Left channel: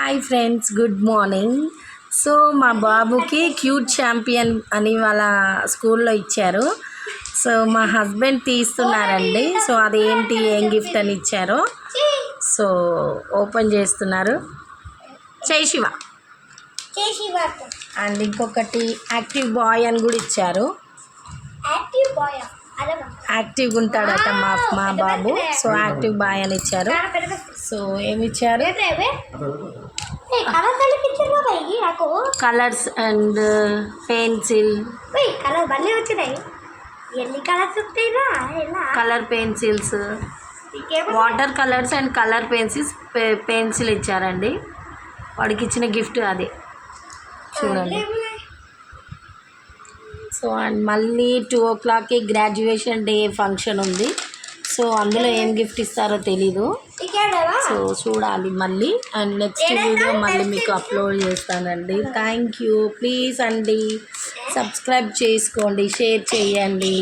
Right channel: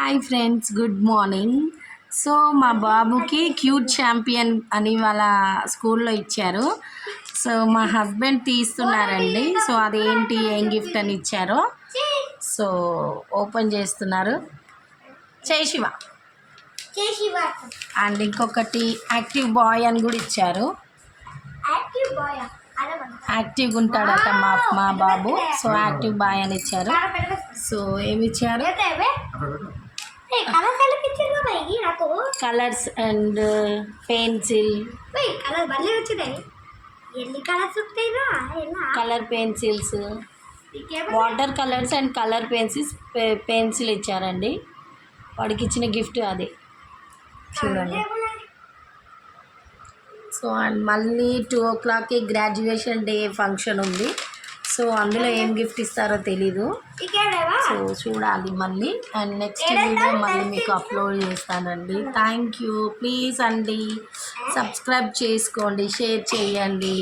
Hi friends, good morning. So మా బాబుకి cute champion అని వాళ్ళ స్కూల్లో ఇచ్చారు. సో మా హస్బెండ్ తీస్తున్నారండి. సో అదేంటి, ఏం గిఫ్ట్ అని ఇచ్చారో సో ఓపెన్ చేస్తున్నారు. జై శివ. అండ్ ఇంకొకటి యాక్టివ్ బాయ్ అని కూడా ఇచ్చారు. యాక్టివ్గా ఉంటాడట మా బాబు. సో యాక్టివ్ బాయ్ అని ఇచ్చారు. సో ఏమి ఇచ్చారు, colours and pencil, colour pencils, water colours and colour pencil ఇచ్చారండి. వాడికి ఇచ్చిన గిఫ్ట్ అది చూడండి. సో అండ్ మళ్ళీ 2 o'clockకి గ్రాడ్యుయేషన్ డే ఫంక్షన్ ఉంది. సో అందులో ఏం గిఫ్ట్ ఇస్తారో తెలీదు. సో చూడాలి మళ్ళీ. అండ్ నెక్స్ట్ వీడియో మళ్ళీ మీకు అప్లోడ్ చేస్తానండి. Thank you. ప్లీజ్ అండి సబ్స్క్రైబ్ చేసుకోండి, షేర్ చేయండి.